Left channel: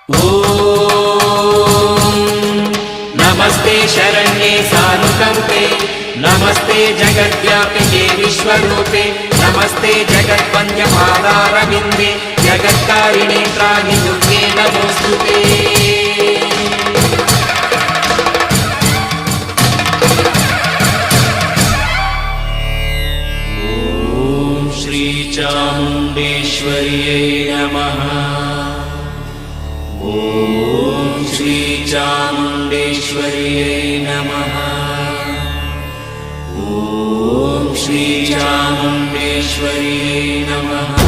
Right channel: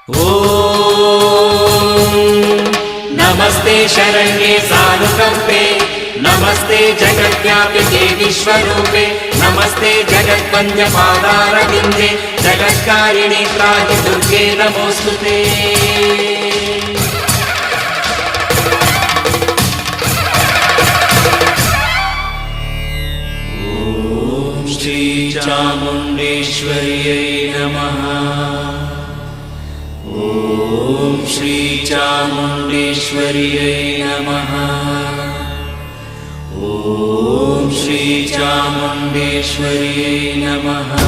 ॐ नमस्ते शरण्ये सानुकम्पे, नमस्ते जगद्व्यापिके विश्वरूपे, नमस्ते जगद्वन्द्यपादारविन्दे, जगत्कारिणे त्राहि नमोऽस्तुते। ॐ श्रीचामुण्डेश्वर्यै नमः। ॐ श्रीचामुण्डेश्वर्यै नमः। ॐ श्रीचामुण्डेश्वर्यै नमः।